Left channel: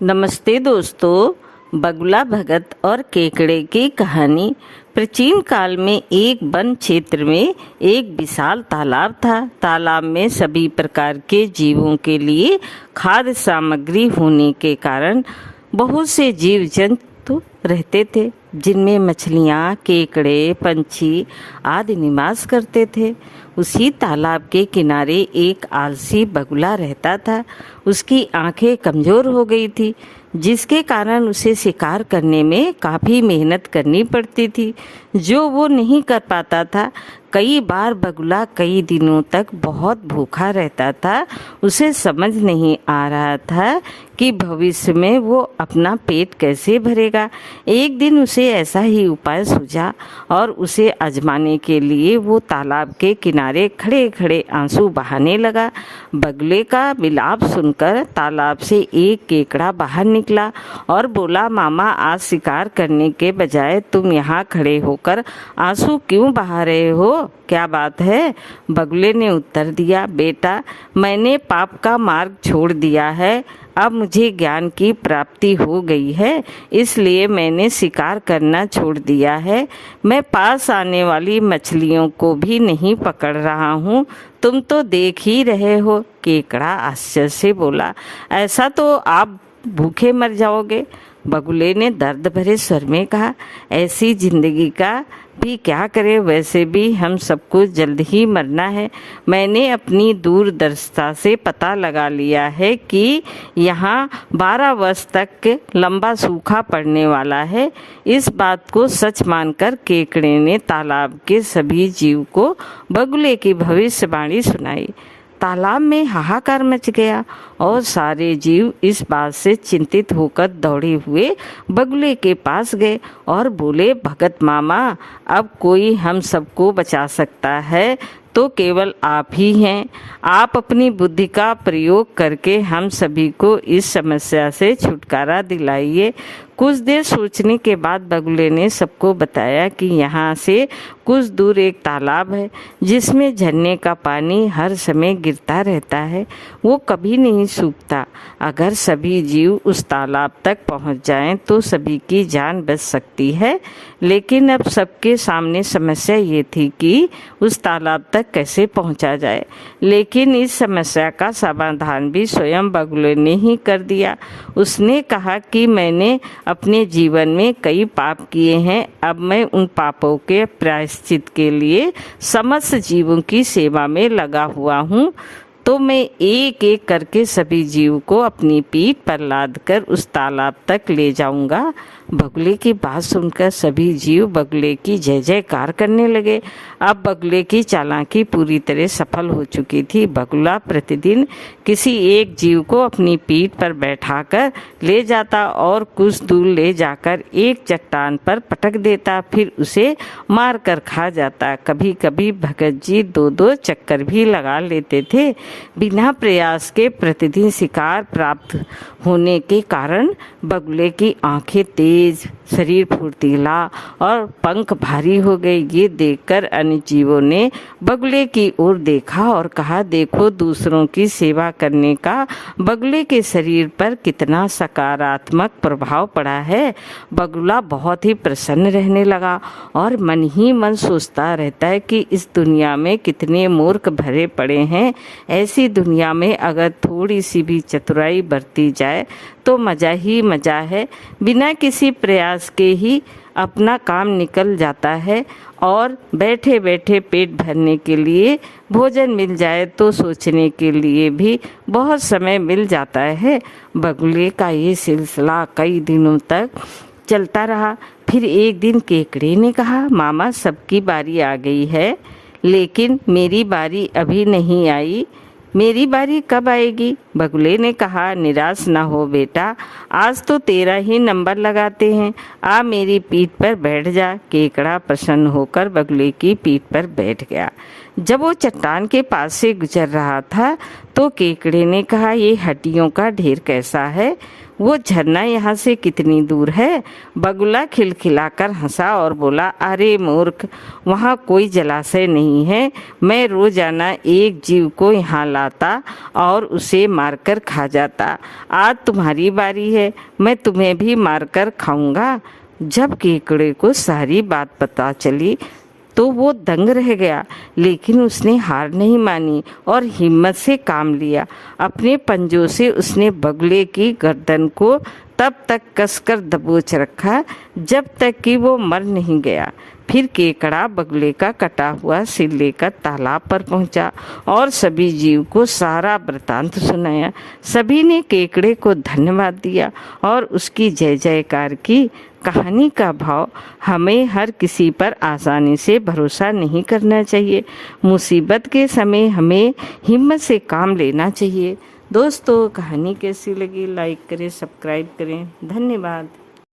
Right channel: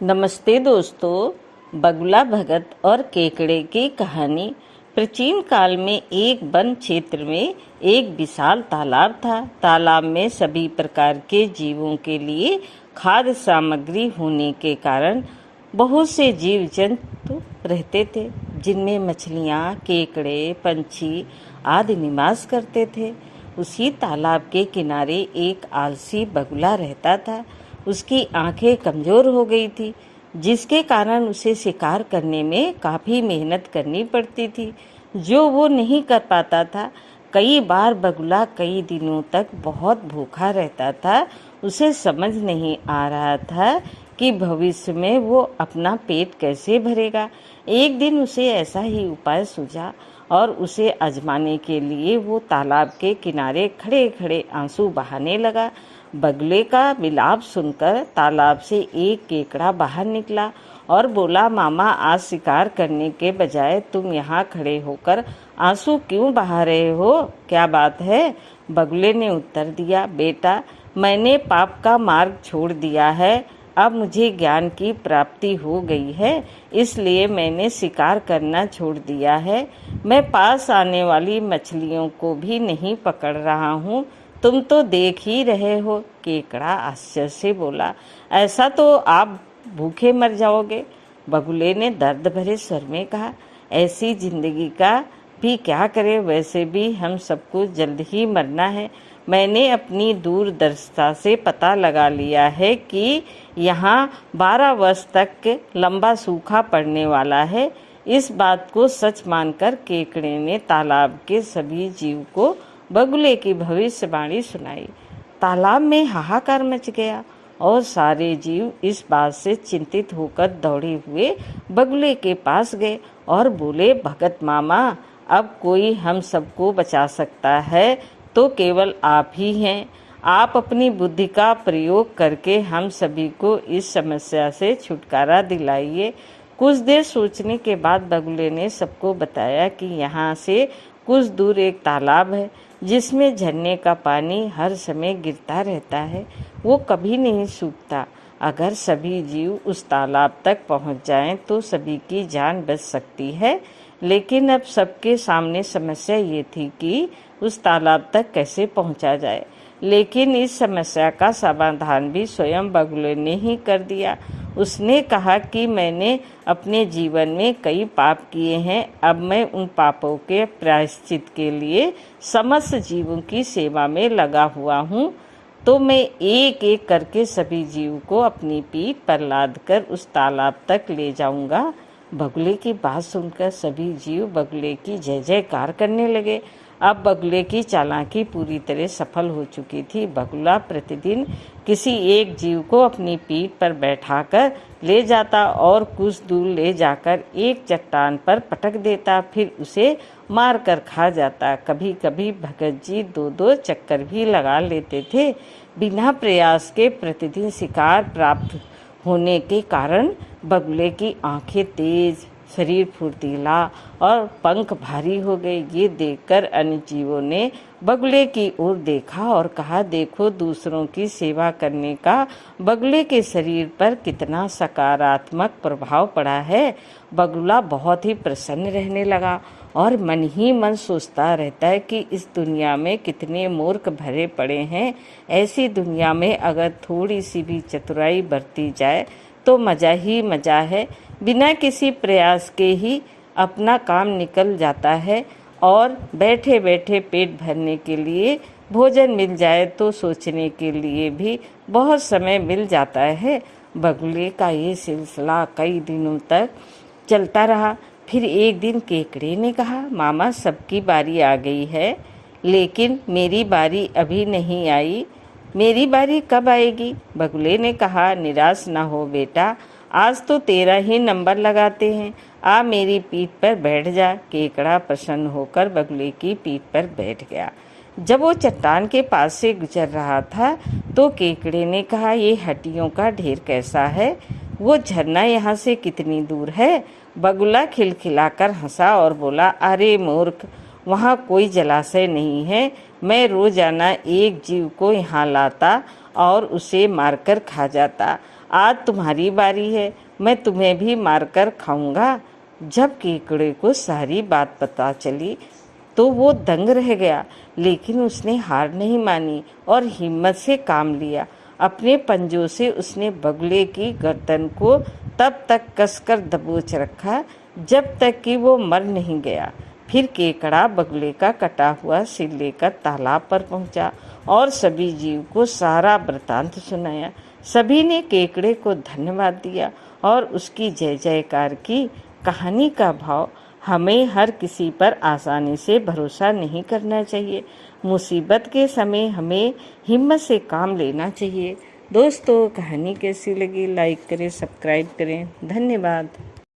नमस्ते दोस्तों। बगुला भगत और केकड़े की कहानी। प्राचीन काल में एक वन क्षेत्र में एक विशाल तालाब था। तालाब में सभी प्रकार के जीवों के लिए खाद्य सामग्री होने के कारण बहुत से जीव जंतु रहते थे, जिनमें मछलियाँ, केकड़े, पंछी आदि निवास करते थे। उसी तालाब के किनारे एक आलसी बगुला रहता था। उसकी आंखें कमजोर हो गई थी, जिसके कारण उसे शिकार करने में काफ़ी मेहनत करनी पड़ती थी, जो वो नहीं कर पाता था। कई बार बगुला कई दिनों तक बहुत भूखा रहता था। उसे समझ नहीं आ रहा था कि भविष्य में वो अपना पेट कैसे भरेगा। एक दिन उसे ऐसा ही उपाय सूझा और उसे आजमाने के लिए वो तालाब के किनारे खड़े खड़े आंसू बहाने लगा। बगुले का विलाप सुनकर तालाब से एक केकड़ा बाहर निकला और बोला, मामा, आज शिकार करने के बजाय तुम यहाँ खड़े होकर आंसू क्यों बहा रहे हो? क्या बात है? बगुले ने उत्तर दिया, बेटा, मैंने पाप का मार्ग छोड़ दिया है। अब मुझे ज्ञान की प्राप्ति हो गई है, इसलिए मैंने शिकार करना छोड़ दिया है। मैं पास आने वाली मछलियों को भी नहीं पकड़ रहा हूँ। तुम तो देख ही रहे हो। केकड़ा आश्चर्य से बोला, ऐसा तो आप भूखे मर जाओगे। बगुले ने दर्द भरे स्वर में कहा, ऐसी जिंदगी का भी क्या करें, वैसे भी हम सबको जल्द ही मरना है। मैंने अपनी दूरदर्शिता से पता लगा लिया है कि यहाँ 12 वर्ष तक लंबा सूखा पड़ने वाला है। इस बात को सच मानकर केकड़े ने तालाब के सभी जीव को बगुले की भविष्यवाणी सुनाई। तालाब में हाहाकार मच गया और सारे जीव इस बात से चिंतित होकर दौड़े हुए बगुले के पास गए और बोले, भगत मामा, अब कोई हम सबको बचा सकता है तो केवल आप ही हैं। आप अपनी बुद्धि का प्रयोग करके हम सभी को इस समस्या से छुटकारा दिलाइए। कुछ देर सोचने के बाद बगुले ने सबको बताया कि यहाँ से कुछ दूर एक तालाब है, जिसमें झरने का पानी हर समय गिरता रहता है। वो कभी नहीं सूखता। अगर सभी जीव उस तालाब तक पहुँच जाएं तो सभी की जान बच सकती है। लेकिन अब सबके सामने समस्या ये थी कि उस तालाब तक कैसे पहुँचा जाए। लेकिन इस समस्या का समाधान भी स्वयं बगुले ने ही कर दिया। उसने कहा कि मैंने अपने जीवन में कई पाप किए हैं। अब मैं उन पापों के प्रायश्चित के लिए समस्त जीवों की सेवा में लगा हुआ हूँ। तो मैं एक एक करके सभी जीव को अपनी पीठ पर लादकर उस तालाब तक ले जाऊंगा। बगुले की बात सुनकर सभी जीव बगुले की जय जयकार करने लगे। अब बगुले की चालाकी पूरी तरह सफल हो चुकी थी। बगुला प्रतिदिन किसी एक जीव को अपनी पीठ पर बैठाकर ले जाता और कुछ दूर ले जाकर एक चट्टान पर पटक देता, फिर उसे मार कर खा जाता। कभी कभी भगत जी 2-2 चक्कर भी लगा लेते थे। बिना प्रयास के प्रतिदिन शिकार प्राप्त होने के कारण बगुले की आंखें तेज, शरीर फुर्तीला और पंख भारी हो गए। ये देखकर अन्य जीवों ने बगुले की ओर देखा और कहा, देखो, दूसरों की सेवा करने का बगुले के शरीर पर कितना सकारात्मक प्रभाव पड़ा है। बगुला बहुत ही प्रसन्न रहने लगा और मन ही मन सोचता रहता है कि इस दुनिया में कितने मूर्ख भरे पड़े हैं। ऐसी दुनिया में अगर थोड़ी सी भी चतुराई बरती जाए तो मज़ा ही मज़ा है। बिना किसी प्रयास के ही अपना काम निकल जाता है और बैठे बैठे पेट भरने के लिए भोजन मिल जाए तो सोचने के लिए भी बहुत समय मिल जाता है। बगुले का ये सिलसिला कई दिनों तक चलता रहा। फिर एक दिन केकड़े ने कहा, मामा, सबकी बारी आ गई है, लेकिन मेरी बारी अभी नहीं आई। मेरी बारी कब आएगी? बगुले ने कहा, निराश ना हो बेटा, आज तो तेरा ही नंबर लगाते हैं। आ मेरी पीठ पर बैठ जा। केकड़ा प्रसन्न होकर बगुले की पीठ पर बैठ गया। जब वो चट्टान के पास से गुजर रहा था तो केकड़े ने कहा, ये हड्डियों का ढेर कैसा है? वो झरना यहाँ से कितनी दूर है? बगुला खिलखिलाकर हंसा और बोला, अरे मूर्ख, वहाँ कोई जलाशय नहीं है। मैं रोजाना एक जीव को यहाँ लाता और उसे मारकर खा जाता। आज तुम्हारी बारी है, मैं तुम्हें भी मारकर खाऊंगा। जब केकड़े को सारी बात पता चली तो वो दंग रह गया, लेकिन उसने हार नहीं मानी और हिम्मत से काम लिया। अपने पंजों से उसने बगुले की गर्दन को तब तक कसकर दबोच रखा जब तक कि वो मर नहीं गया। फिर केकड़ा बगुले का कटा हुआ सिर लेकर तालाब पर पहुंचा और सभी जीव को सारा वृतांत सुनाया। सभी ने केकड़े को धन्यवाद दिया और उसकी जय जयकार की। कहानी का भाव, हमें हर किसी पर आसानी से भरोसा नहीं करना चाहिए। मुसीबत के समय हमें हिम्मत से काम लेना चाहिए। दोस्तों, कहानी कैसी लगी? लाइक करें, सब्सक्राइब करें। धन्यवाद।